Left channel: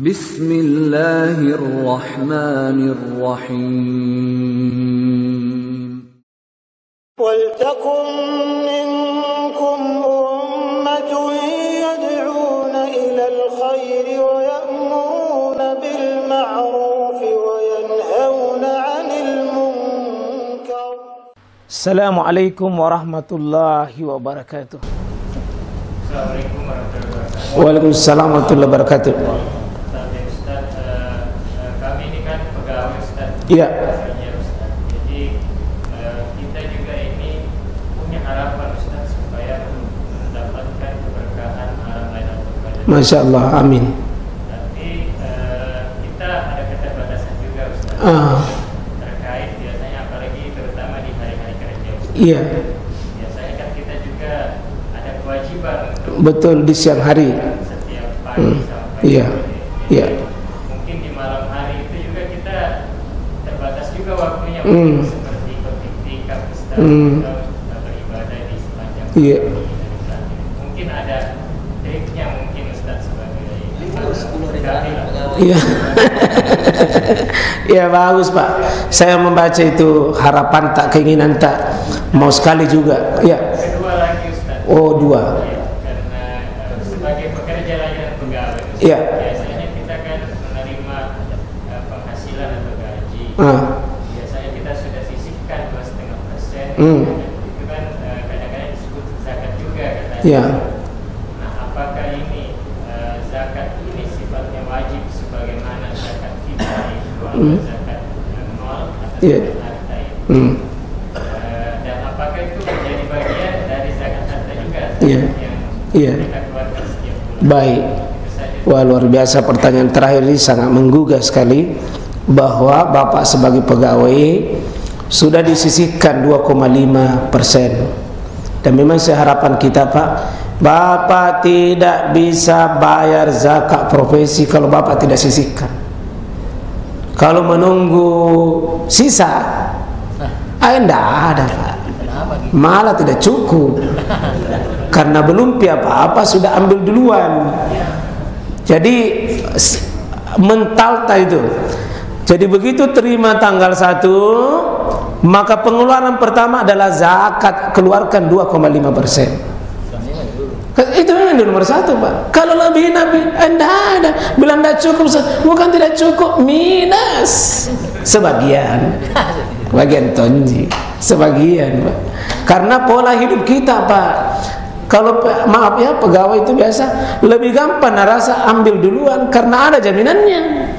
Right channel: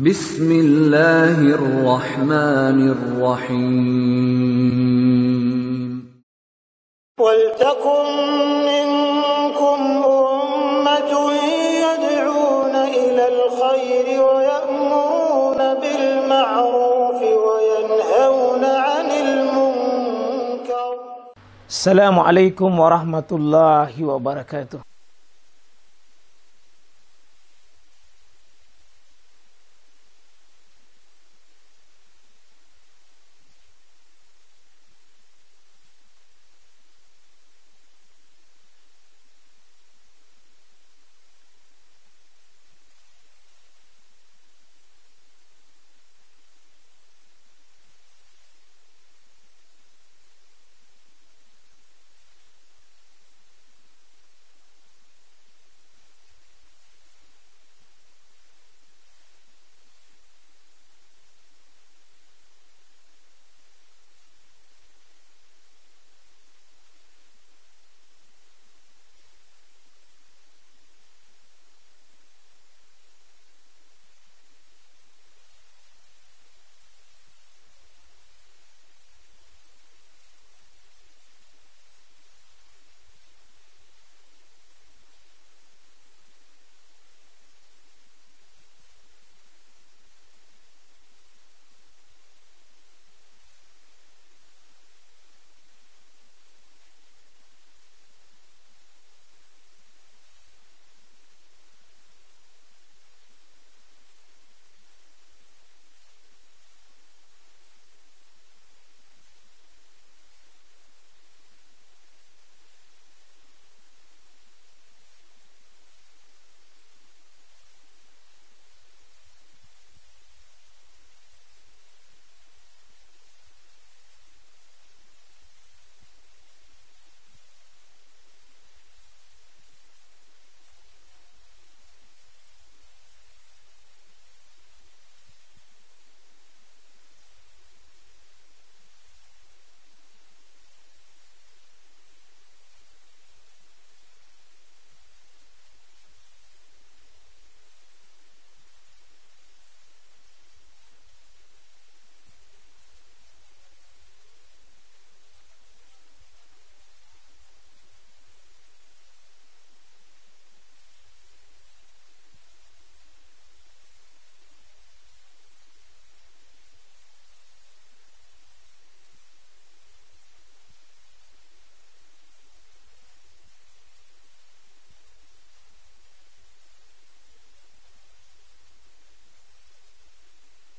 Bismillahirrahmanirrahim. Waltakum minkum ummatun yad'una ilal khairi wa ya'muruna bil ma'rufi wa yanhauna 'anil munkar. Assalamualaikum warahmatullahi wabarakatuh. Waalaikumsalam warahmatullahi wabarakatuh. Ustaz, kami ini kan pegawai Ustaz. Iya. Jadi kita juga ini punya harapan Ustaz supaya mendapatkan keberkahan Ramadan. Masya Allah, amin. Tapi kita ada keterbatasan juga Ustaz. Terkait biasanya apalagi terutama di hari-hari kerja Ustaz. Iya. Biasanya kan kita juga ada kewajiban untuk Betul, di siang hari. setiap pagi sampai Iya. sore. Iya. Mungkin di malam hari itu juga kita terbatas juga waktunya Hmm. untuk seperti iktikaf Ustaz, Hmm. atau beribadah di sepanjang Iya. hari. Mungkin ada triknya mungkin Ustaz sebagai Iya. Iya, bagus Pak. Saya membaca itu harapan tak, keinginan tak, mau sekali juga. Iya. kedua lagi Ustaz. Oh, dua. Ya, karena sebagai pekerja layanan pegawai Ustaz, Iya. biasanya kita kan menerima penghasilan atau gaji. Biasanya kita sudah sisihkan 2,5%. Itu kan kadang-kadang disebut zakat juga katanya. Iya. Nah, apakah ini zakat ini sifatnya wajib sebagaimana zakat fitrah itu atau zakat nol atau Iya. zakat harta itu? Dan apakah itu menjadi bagian dari zakat harta juga Iya. yang Iya. kita keluarkan setiap bulan? Baik. Itu saja. Wah, luar biasa pertanyaan terakhir ini, sangat menggugah sekali, bahwa Bapak sebagai pegawai sudah disisihkan 2,5%. Dan memang harapan kita Pak, Bapak tidak bisa bayar zakat profesi kalau Bapak tidak sisihkan. Kalau menunggu sisa, tidak ada Pak. Malah tidak cukup. Karena belum apa-apa sudah ambil duluan. Jadi mental itu. Jadi begitu terima tanggal 1, maka pengeluaran pertama adalah zakat, keluarkan 2,5%. Itu memang nomor 1 Pak. Kalau lebih tidak ada. Bilang tidak cukup, bukan tidak cukup, minus. Sebagian. Bagian tonji. Sebagian Pak. Karena pola hidup kita Pak. Kalau maaf ya, pegawai itu biasa lebih gampang rasa ambil duluan karena ada jaminannya.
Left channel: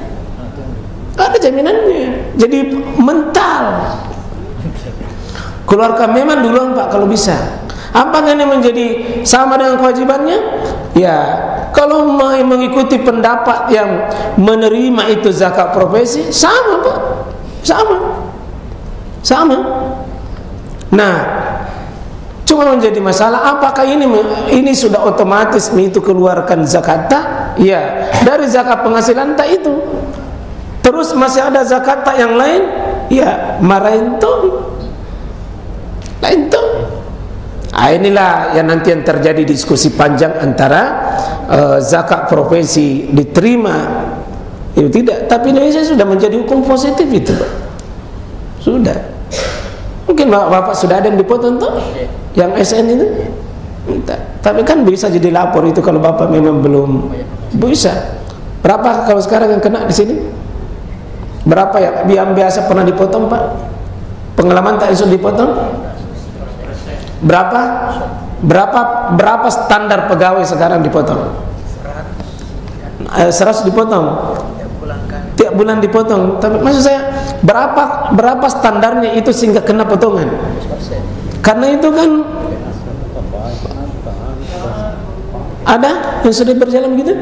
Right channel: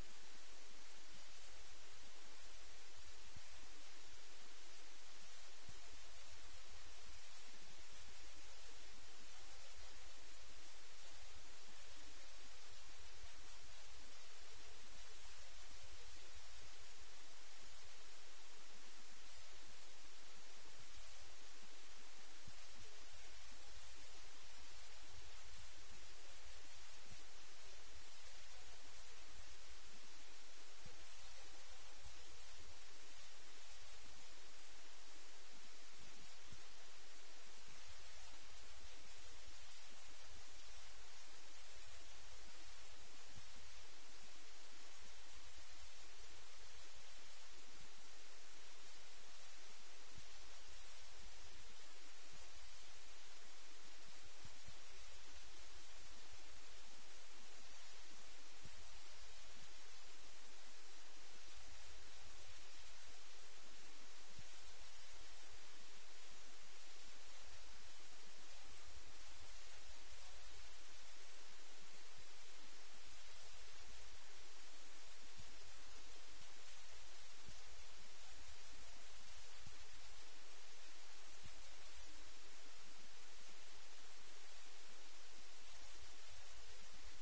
Ada jaminannya. Jadi mental. Keluarkan memang duluan Pak kalau bisa. Apakah ini menjadi sama dengan kewajibannya? Ya, kalau mengikuti pendapat yang menerima itu zakat profesi, sama Pak. Sama. Nah, cuma menjadi masalah apakah ini sudah otomatis itu keluarkan zakat tak? Ya, dari zakat penghasilan tak itu. Terus masih ada zakat tak yang lain? Ya, marahin tuh. Lain tuh. Inilah yang nanti yang terjadi diskusi panjang antara zakat profesi diterima itu tidak, tapi Indonesia sudah menjadi hukum positif itu Pak. Sudah. Mungkin Bapak sudah ada yang dipotong tuh, yang SN itu. Tapi kan bisa jadi lapor itu kalau Bapak memang belum bisa. Berapa kalau sekarang yang kena di sini? Berapa ya? Yang biasa pernah dipotong Pak? Pengalaman tak isu dipotong? Berapa standar pegawai sekarang dipotong? 100 dipotong. Tiap bulan dipotong. Tapi maksud saya berapa standarnya itu sehingga kena potongan? Karena itu kan ada yang sudah berjalan begitu?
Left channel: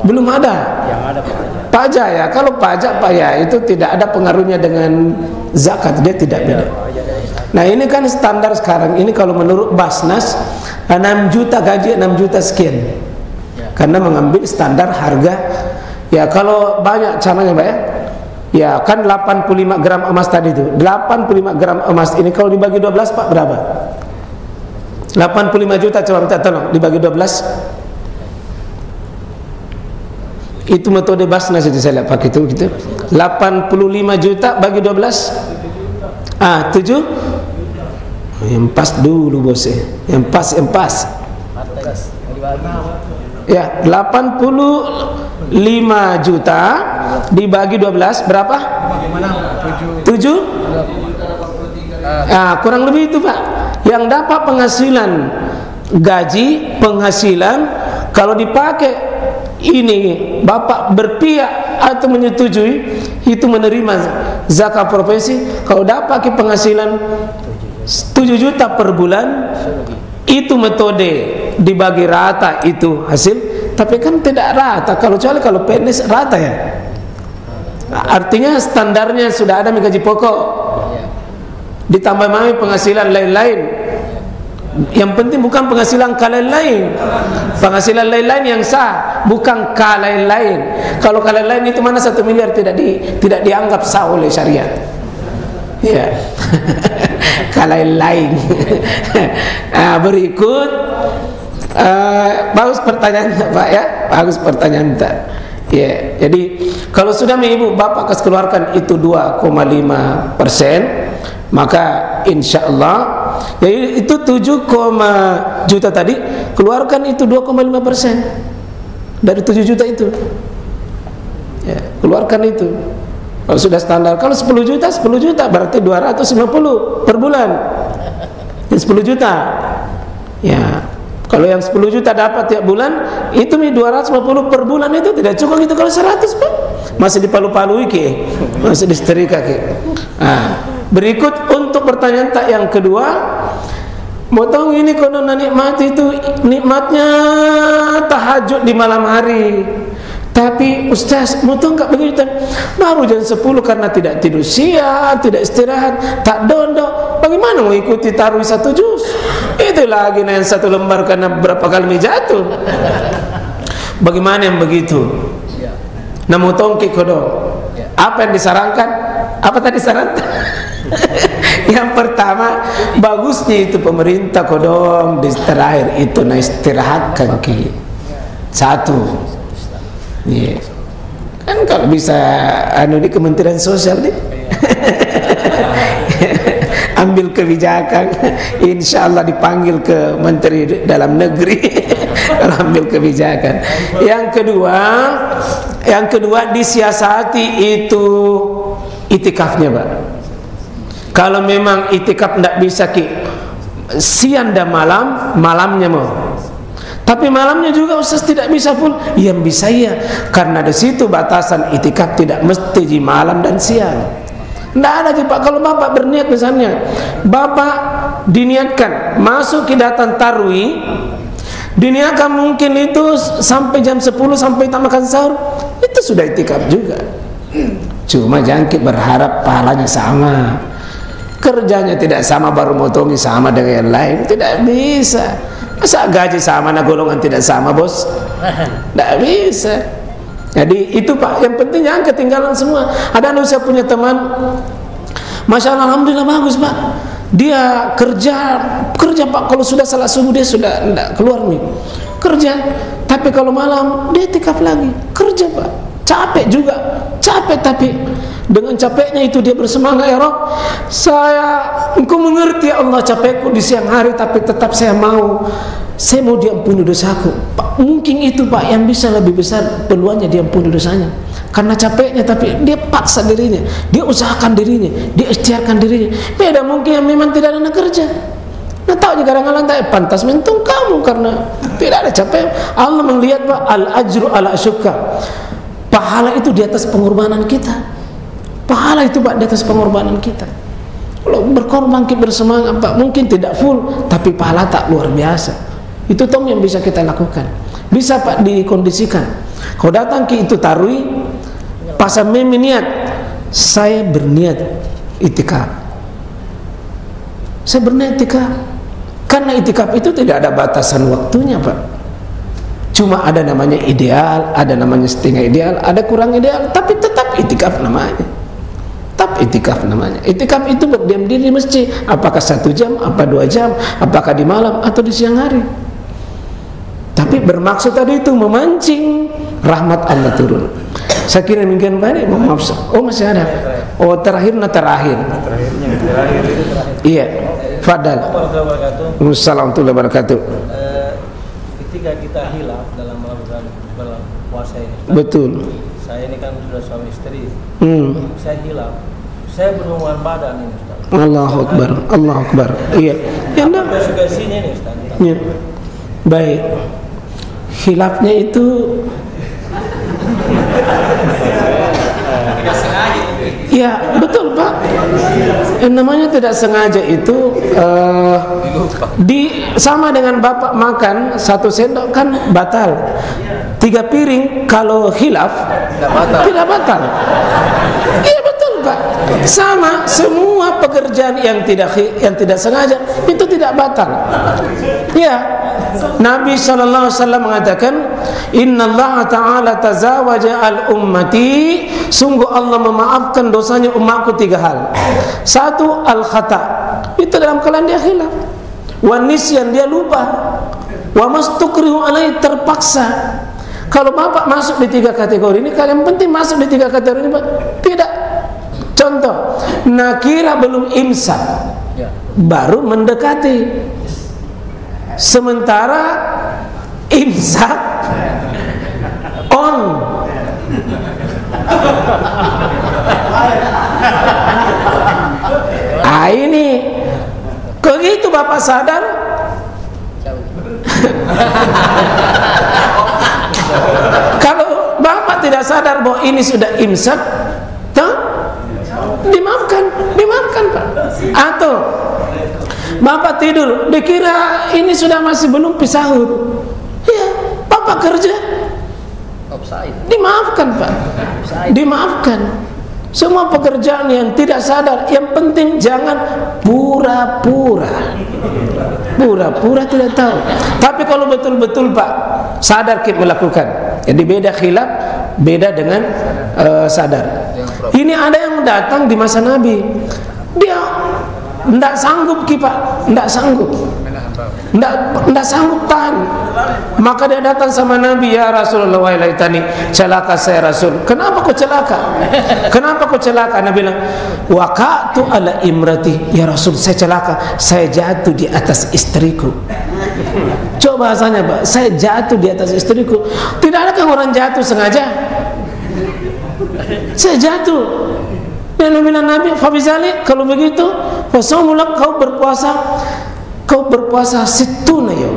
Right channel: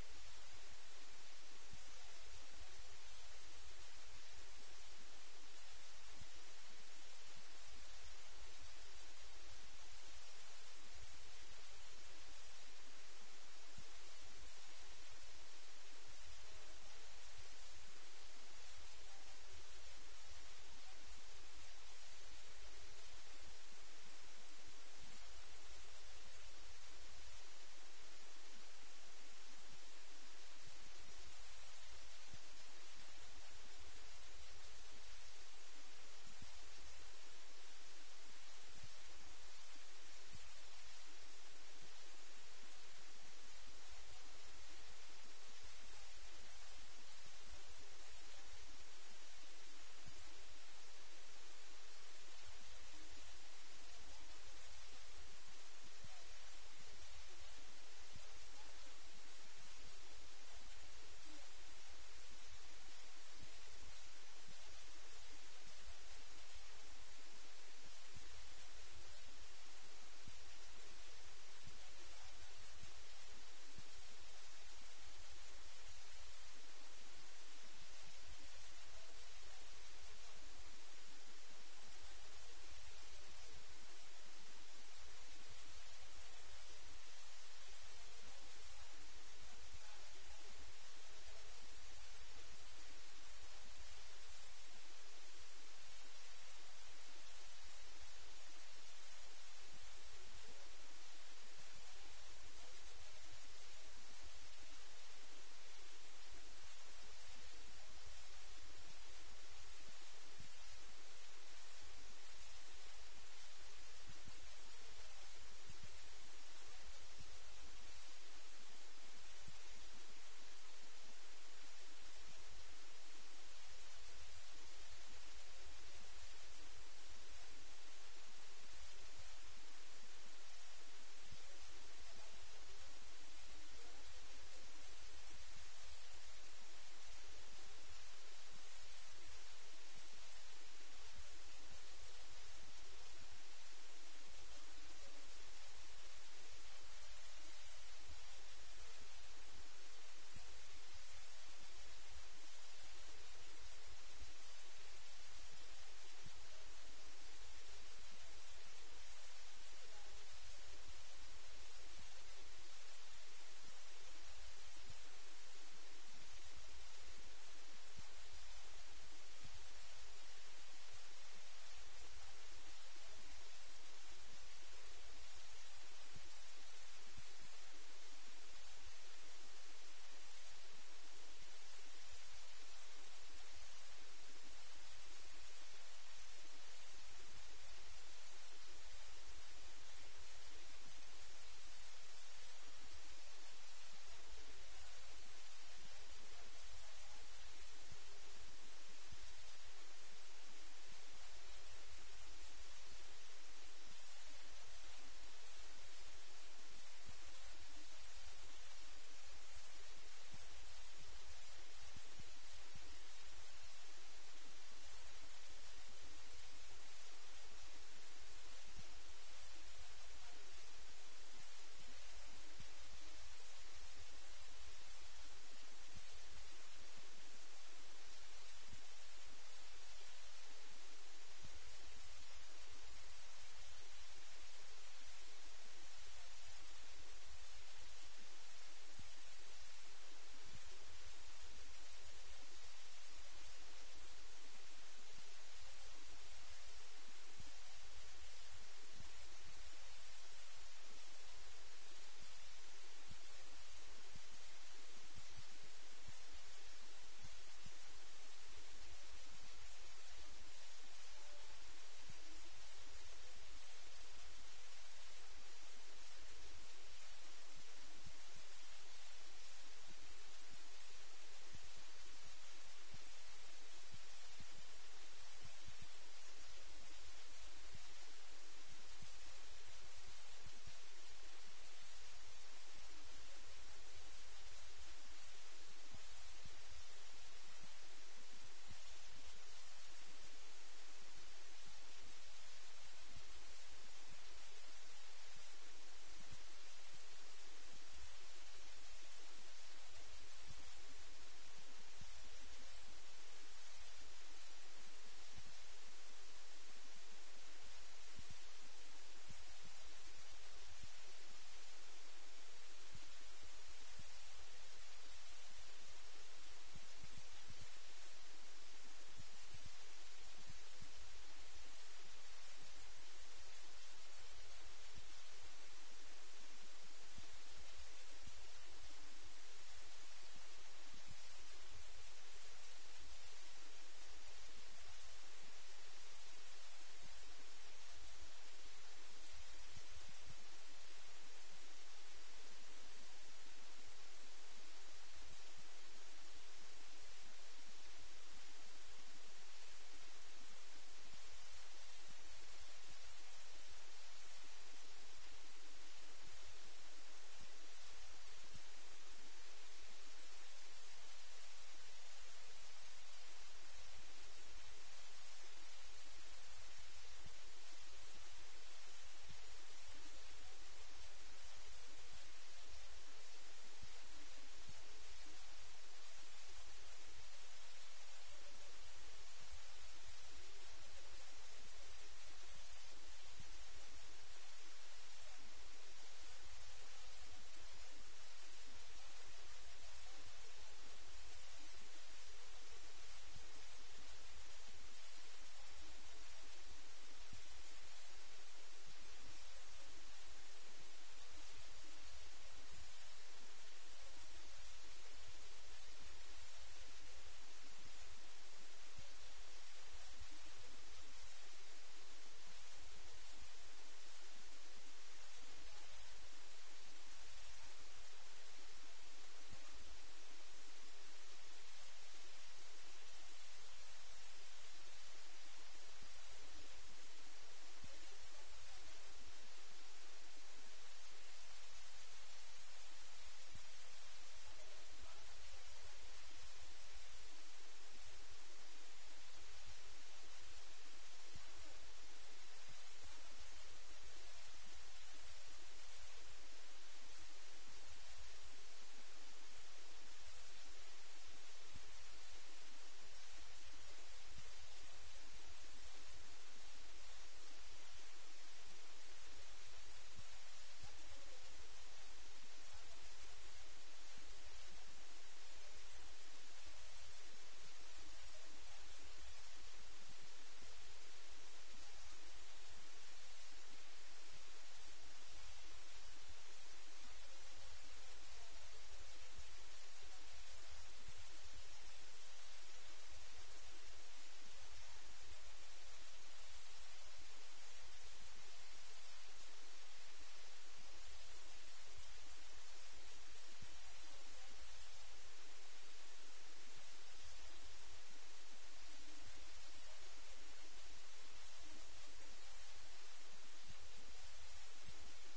Belum ada. Yang ada pajak ya. Kalau pajak Pak ya itu tidak ada pengaruhnya dengan zakat, dia tidak beda. Nah ini kan standar sekarang ini kalau menurut Basnas 6 juta gaji 6 juta sekian. Karena mengambil standar harga. Ya kalau banyak caranya Pak ya. Ya kan 85 gram emas tadi itu. 85 gram emas ini kalau dibagi 12 Pak berapa? 85 juta, coba minta tolong dibagi 12. Itu metode Basnas itu saya lihat pakai itu gitu. 85 juta bagi 12. 7. Yang pas dulu bos ya. Yang pas. Ya, 85 juta dibagi 12 berapa? 7. Kurang lebih itu Pak. Yang dapat penghasilan gaji, penghasilan kalau dipakai ini Bapak berpihak atau menyetujui itu menerima zakat profesi. Kalau dapat penghasilan 7 juta per bulan, itu metode dibagi rata itu hasil. Tapi kan tidak rata, kecuali kalau PNS rata ya. Artinya standarnya sudah ada gaji pokok, ditambah mami penghasilan lain-lain. Yang penting bukan penghasilan lain-lain, penghasilan lain-lain yang sah, bukan lain-lain. Kalau lain-lain itu mana 1 miliar tidak dianggap sah oleh syariat. Ya. Lain-lain. Berikut bagus pertanyaan Pak ya, bagus pertanyaan Pak. Ya, jadi kalau sudah ibu bapak kas keluarkan itu 2,5%, maka insya Allah jadi itu 7, juta tadi keluarkan itu 2,5% dari 7 juta itu. Ya, keluarkan itu. Kalau sudah standar, kalau 10 juta berarti 250 per bulan. Yang 10 juta. Ya. Kalau yang 10 juta dapat tiap bulan, itu 250 per bulan itu tidak cukup gitu. Kalau 100 Pak, masih dipalu-palui ke, masih disetrika ke. Berikut untuk pertanyaan tak yang kedua, motong ini kono nikmat itu nikmatnya tahajud di malam hari. Tapi Ustaz, motong enggak begitu. Baru jam 10 karena tidak tidur siang, tidak istirahat, tak dondok. Bagaimana mau ikuti tarawih 1 juz? Itu lagi yang 1 lembar karena berapa kali jatuh. Bagaimana yang begitu? Nah, motong ke kodo. Apa yang disarankan? Apa tadi saran? Yang pertama, bagusnya itu pemerintah kodong di terakhir itu istirahatkan ki. 1. Yeah. Kan kalau bisa di Kementerian Sosial nih ambil kebijakan, insya Allah dipanggil ke Menteri Dalam Negeri kalau ambil kebijakan. Yang kedua disiasati itu itikafnya Pak. Kalau memang itikaf tidak bisa siang dan malamnya mau. Tapi malamnya juga Ustaz tidak bisa full. Yang bisa ya, karena di situ batasan itikaf tidak mesti di malam dan siang. Tidak ada Pak. Kalau Bapak berniat misalnya, Bapak diniatkan masuk ke datang tarwi, diniatkan mungkin itu sampai jam 10 sampai tak makan sahur, itu sudah itikaf juga. Cuma jangan berharap pahalanya sama. Kerjanya tidak sama baru motongi sama dengan yang lain, tidak bisa. Masa gaji sama, nah golongan tidak sama bos? Tidak bisa. Jadi itu Pak, yang penting jangan ketinggalan semua. Ada saya punya teman, Masya Allah, Alhamdulillah bagus Pak. Dia kerja Pak, kalau sudah salat subuh dia sudah tidak keluar nih. Kerja, tapi kalau malam dia itikaf lagi. Kerja Pak, capek juga, capek tapi dengan capeknya itu dia bersemangat, ya Rob, engkau mengerti ya Allah capekku di siang hari, tapi tetap saya mau diampuni dosaku. Pak, mungkin itu Pak yang bisa lebih besar peluangnya diampuni dosanya. Karena capeknya tapi dia paksa dirinya, dia usahakan dirinya, dia ikhtiarkan dirinya. Beda mungkin yang memang tidak ada kerja. Nah tahu kadang-kadang tak pantas mentung kamu karena tidak ada capek. Allah melihat Pak, al-ajru ala syukka. Pahala itu di atas pengorbanan kita. Pahala itu Pak di atas pengorbanan kita. Kalau berkorban kita bersemangat Pak, mungkin tidak full, tapi pahala tak luar biasa. Itu tong yang bisa kita lakukan. Bisa Pak dikondisikan. Kau datang ke itu tarwi, pas niat, saya berniat itikaf. Saya berniat itikaf. Karena itikaf itu tidak ada batasan waktunya Pak. Cuma ada namanya ideal, ada namanya setengah ideal, ada kurang ideal, tapi tetap itikaf namanya. Tetap itikaf namanya. Itikaf itu berdiam diri di masjid. Apakah 1 jam, apa 2 jam, apakah di malam atau di siang hari. Tapi bermaksud tadi itu memancing rahmat Allah turun. Saya kira demikian Pak ini. Maaf. Oh masih ada. Oh terakhir. Iya. Fadal. Assalamualaikum warahmatullahi wabarakatuh. Ketika kita hilaf dalam melakukan puasa ini, betul. Saya ini kan sudah suami istri. Saya hilaf. Saya berhubungan badan ini Ustaz. Allahu Akbar. Allahu Akbar. Iya. Ya enggak. Konsekuensinya ini Ustaz. Ya. Baik. Hilafnya itu ya betul Pak. Yang namanya tidak sengaja itu sama dengan Bapak makan 1 sendok kan batal. 3 piring kalau hilaf tidak batal. Iya betul Pak. Sama semua pekerjaan yang tidak sengaja itu tidak batal. Ya. Nabi SAW mengatakan, Innallaha ta'ala tazawaja al-ummati, sungguh Allah memaafkan dosanya umatku 3 hal. 1, al-khata, itu dalam keadaan dia khilaf. Wa nisyan, dia lupa. Wa mastukrihu alaihi, terpaksa. Kalau Bapak masuk di 3 kategori ini, kalian penting masuk di 3 kategori ini Pak? Tidak. Contoh, nakira belum imsak, baru mendekati. Sementara imsak on. Ini kok gitu Bapak sadar? Kalau Bapak tidak sadar bahwa ini sudah imsak, dimaafkan Pak. Atau Bapak tidur, dikira ini sudah masih belum sahur. Ya, Bapak kerja, dimaafkan Pak. Dimaafkan. Semua pekerjaan yang tidak sadar, yang penting jangan pura-pura. Pura-pura tidak tahu. Tapi kalau betul-betul Pak sadar kita melakukan. Jadi beda khilaf, beda dengan sadar. Ini ada yang datang di masa Nabi. Dia tidak sanggup Pak, tidak sanggup, tidak sanggup tahan. Maka dia datang sama Nabi, ya Rasulullah, wa ilaitani, celaka saya Rasul. Kenapa kau celaka? Kenapa kau celaka? Nabi bilang, waqa'tu ala imrati, ya Rasul, saya celaka, saya jatuh di atas istriku. Coba bahasanya Pak, saya jatuh di atas istriku. Tidak ada kan orang jatuh sengaja? Saya jatuh. Dan Nabi Fabizali, kalau begitu wasaumulak, kau berpuasa situna ya,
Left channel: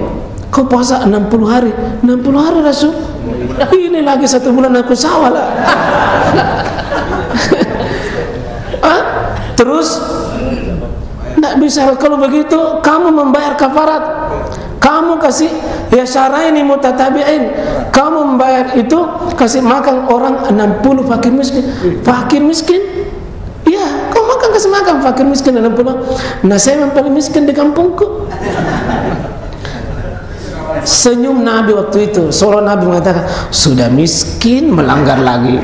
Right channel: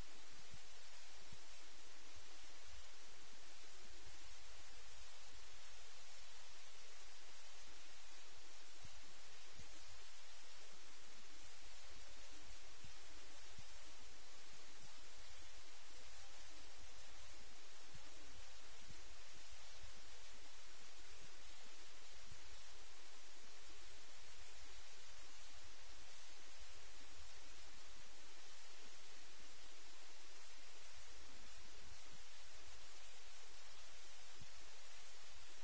kau puasa 60 hari. 60 hari Rasul, ini lagi 1 bulan aku sawalah. Terus tidak bisa. Kalau begitu kamu membayar kafarat, kamu kasih ya syaraini mutatabi'in, kamu membayar itu, kasih makan orang 60 fakir miskin. Fakir miskin, ya, kau makan kasih makan fakir miskin 60. Nah, saya yang paling miskin di kampungku. Senyum Nabi waktu itu. Seolah Nabi mengatakan, sudah miskin melanggar lagi,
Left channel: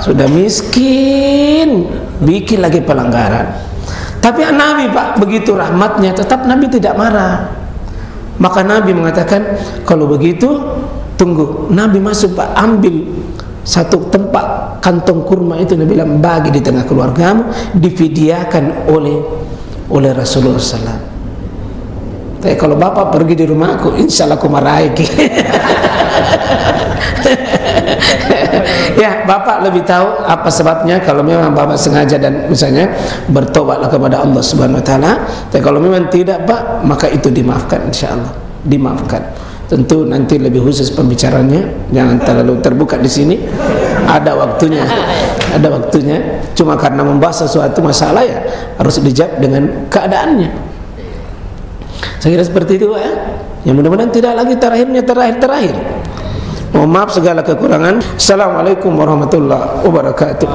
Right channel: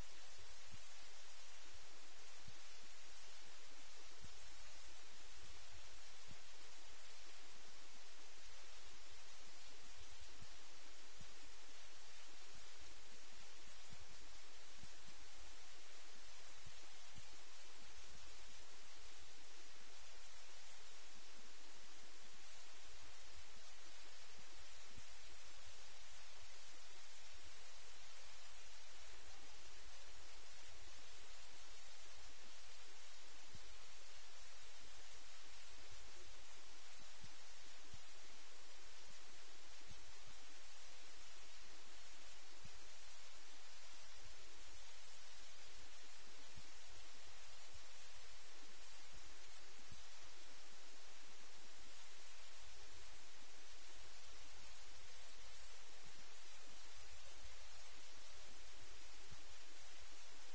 sudah miskin bikin lagi pelanggaran. Tapi Nabi Pak begitu rahmatnya, tetap Nabi tidak marah. Maka Nabi mengatakan, kalau begitu tunggu. Nabi masuk Pak, ambil satu tempat kantong kurma itu, Nabi bilang bagi di tengah keluargamu, difidiakan oleh Rasulullah SAW. Tapi kalau Bapak pergi di rumahku, insya Allah aku marahi. Ya, Bapak lebih tahu apa sebabnya. Kalau memang Bapak sengaja dan misalnya bertobatlah kepada Allah Subhanahu Wa Taala. Tapi kalau memang tidak Pak, maka itu dimaafkan, insya Allah dimaafkan. Tentu nanti lebih khusus pembicaranya, jangan terlalu terbuka di sini. Ada waktunya, ada waktunya. Cuma karena membahas sesuatu masalah ya harus dijawab dengan keadaannya. Saya kira seperti itu Pak ya. Yang mudah-mudahan tidak lagi terakhir. Mohon maaf segala kekurangan. Assalamualaikum warahmatullahi wabarakatuh.